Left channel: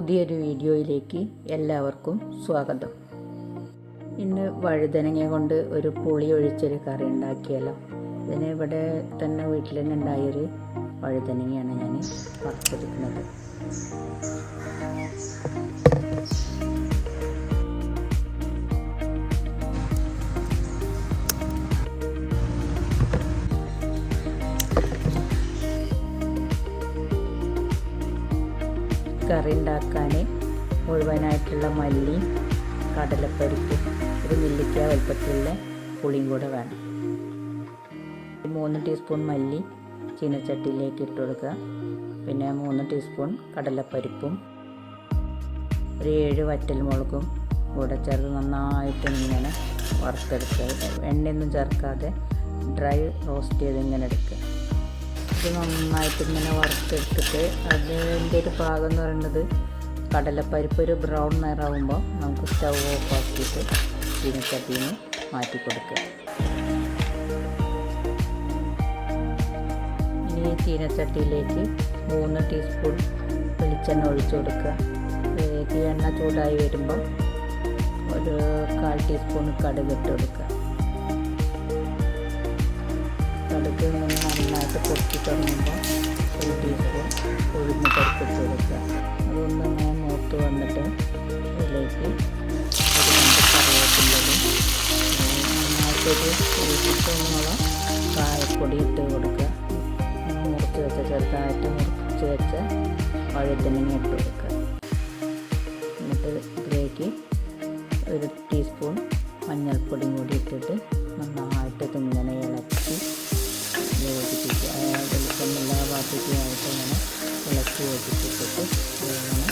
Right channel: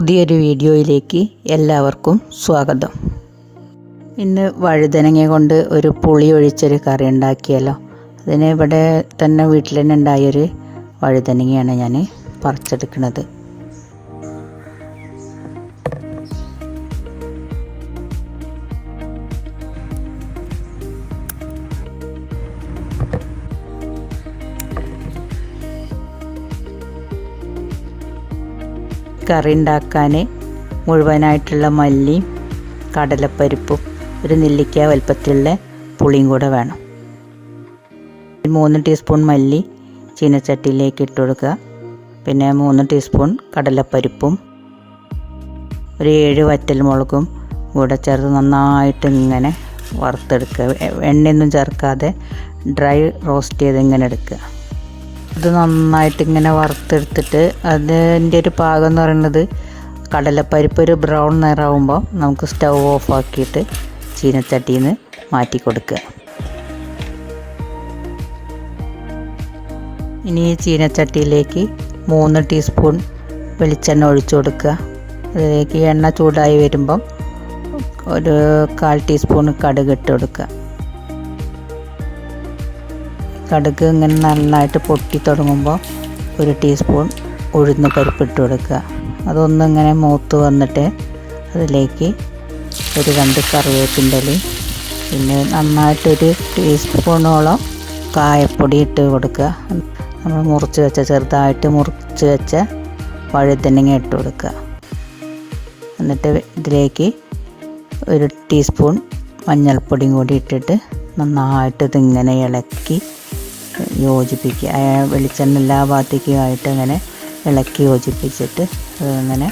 പുതിയൊരു വീഡിയോയിലേക്ക് എല്ലാവർക്കും സ്വാഗതം. ഇന്ന് വഴുതനങ്ങ കൊണ്ട് ഒരു പുളി ഒഴിച്ചൊരു കറി ഉണ്ടാക്കിയല്ലോ. അതിന് ഇവിടെ തന്നെ വീട്ടിൽ തന്നെ ഉണ്ടായൊരു വഴുതനങ്ങയാണ് ഞാൻ പറിച്ചെടുക്കുന്നത്. കറി ഉണ്ടാക്കാൻ മുഴുവനായിട്ടുള്ള മല്ലിയും കടലപ്പരിപ്പും ഒരു നെല്ലിക്ക വലുപ്പത്തിലുള്ള പുളിയും കൂടെ വേണം. മൂന്ന് ടീസ്പൂൺ മല്ലി ചീനച്ചട്ടിയിലേക്ക് ഇട്ട് കൊടുക്കുക. പിന്നെ മൂന്ന് ടീസ്പൂൺ കടലപ്പരിപ്പും ഒരു ഏഴ് വറ്റൽമുളകും കൂടെ ചേർത്ത് നന്നായിട്ട് ഇങ്ങനെ വറുത്തെടുക്കുക. എണ്ണയൊന്നും ചേർക്കാതെ ഡ്രൈ റോസ്റ്റ് ചെയ്ത് ഇങ്ങനെ എടുക്കുക. ഇത് നന്നായിട്ട് ഇങ്ങനെ വറുത്തെടുത്തിട്ട് അതിന്റെ ഒരു പാകം എന്ന് പറയുന്നത് കടലപ്പരിപ്പ് ഒരു ബ്രൗൺ നിറാവുമ്പോൾ നമുക്ക് സ്റ്റൗ ഓഫ് ആക്കിയിട്ട് ചീനച്ചട്ടിയിൽ നിന്ന് മാറ്റി കൊടുക്കുക. ഇനി ഈ ചീനച്ചട്ടിയിലേക്ക് മൂന്ന് ടീസ്പൂൺ വെളിച്ചെണ്ണ ഒഴിച്ചു കൊടുക്കുക. അതിലേക്ക് എണ്ണ ചൂടായി വരുമ്പം ഒരു കാൽ ടീസ്പൂൺ കടുക് ഇട്ട് കൊടുക്കുക. കടുക് ഇങ്ങനെ നന്നായിട്ട് പൊട്ടി തുടങ്ങുമ്പോൾ ഒരു ടീസ്പൂൺ ഉഴുന്ന് പരിപ്പിട്ട് കൊടുക്കുക. അതൊന്നിങ്ങനെ മൂത്ത് വന്നിട്ട് അതിലേക്ക് ഒരു രണ്ട് കറിവേപ്പിന്റെ പിന്നെ നന്നായിട്ടൊരു ടീസ്പൂണോളം കായപ്പൊടി ഇട്ട് കൊടുക്കുക. നമ്മൾ മുറിച്ച് വെച്ച ചെറുതായിട്ട് മുറിച്ച് വെച്ച വഴുതനങ്ങ ഇട്ട് കൊടുക്കുക. എന്നിട്ട് ഇതിലേക്ക് ഒരു ടീസ്പൂൺ മഞ്ഞൾപ്പൊടിയും കൂടി ഇട്ടിട്ട് നന്നായിട്ട് ഇതിങ്ങനെ ഇളക്കി യോജിപ്പിക്കുക. വെളിച്ചെണ്ണ എല്ലാ ഭാഗത്തേക്കുമായിട്ട് അങ്ങനെ ഇളക്കി യോജിപ്പിച്ചിട്ട് അതിങ്ങനെ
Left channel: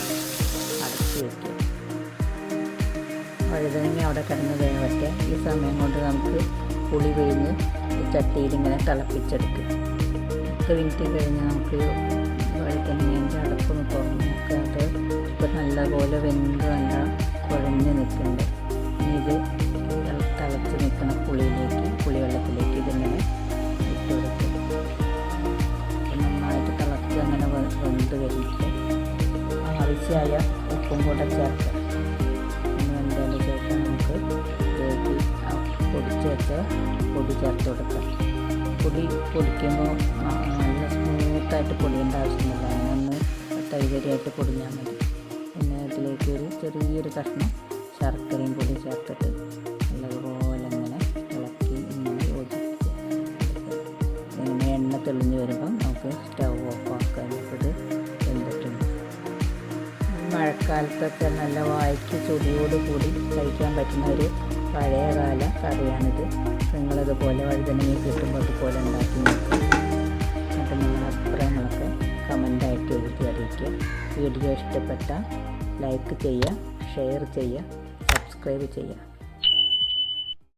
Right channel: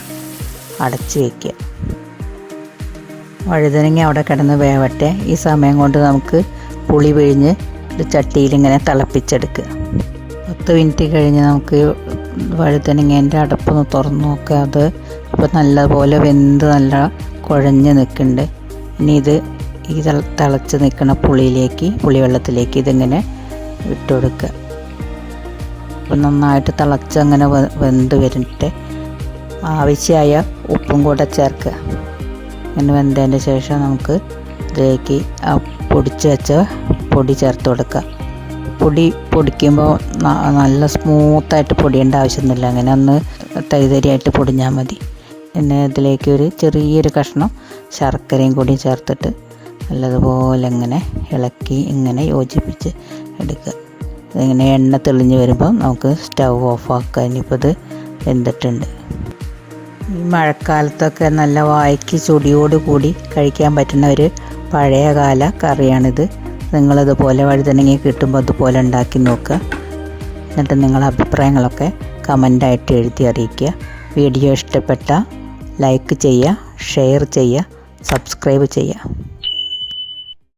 അടച്ച് വയ്ക്കുക വഴുതനങ്ങ അവിടെ കിടന്ന് വേവട്ടെ. ഈ സമയം കൊണ്ട് നമുക്ക് പുളി പിഴിഞ്ഞ് ഒരു ചട്ടിയിൽ ഇങ്ങനെ തിളപ്പിച്ചെടുക്കുക. പത്ത് മിനിറ്റ് കഴിഞ്ഞ് നമുക്ക് വഴുതനങ്ങേന്റെ അടപ്പൊന്ന് തുറന്ന് നോക്കുക. അത് ഇപ്പോൾ നല്ലപോലെ വെന്ത് നല്ല കുഴഞ്ഞ് നിൽക്കുന്നുണ്ട്. ഇനി ഇത് ഈ തിളച്ച് നിൽക്കുന്ന പുളിയിലേക്ക് പുളിവെള്ളത്തിലേക്ക് ഇതിങ്ങനെ ഇട്ട് കൊടുക്കുക അപ്പം നന്നായിട്ട് തിളച്ച് അങ്ങനെ വെന്ത് വരുന്നിട്ട് ആവശ്യമായ ഉപ്പും കൂടെ ചേർക്കുക അങ്ങനെ വെന്തതിന് ശേഷം നമുക്ക് ഇതിലേക്ക് ആ പൊടിച്ച് വെച്ച പൊടി ചേർത്ത് കൊടുക്കുക പൊടി പൊടിക്കുമ്പോൾ നല്ല സ്മൂത്തായിട്ട് പൊടിയേണ്ട ആവശ്യമൊന്നുമില്ല അങ്ങനെ ഒന്ന് തൈതരിയായിട്ട് പൊടിഞ്ഞാൽ മതി. പിന്നെ ഇതിലേക്ക് ഒരു ചെറിയൊരു കഷ്ണം ശർക്കരയും കൂടി ചേർത്തിട്ട് നല്ലതുപോലെ ഇങ്ങനെ ഇളക്കി ഇങ്ങനെ യോജിപ്പിച്ച് എടുക്കുക ഇങ്ങനെ എണ്ണ തെളിഞ്ഞ് വരുമ്പം നമുക്ക് സ്റ്റൗ ഓഫ് ആക്കുക ഇനിയിപ്പോൾ ഇത് വെന്തിട്ടുണ്ട്. ഈ മഴക്കാലത്തൊക്കെ നല്ല വായ്ക്ക് ചൊടിയോട് കൂടി കഴിക്കാൻ പറ്റുന്ന ഒരു പഴയകാല കറിയാണിത്. നിങ്ങളിതുപോലെ വഴുതനങ്ങി കിട്ടുമ്പോൾ അതുപോലെ ഉണ്ടാക്കി നോക്കുക. എന്നിട്ട് നിങ്ങളുടെ അഭിപ്രായങ്ങളൊക്കെ കമന്റായിട്ട് എഴുതി അറിയിക്കുക. വീഡിയോ ഇഷ്ടപ്പെട്ട ലൈക്ക് ചെയ്യുക ഷെയർ ചെയ്യുക സബ്സ്ക്രൈബ് ചെയ്യുക.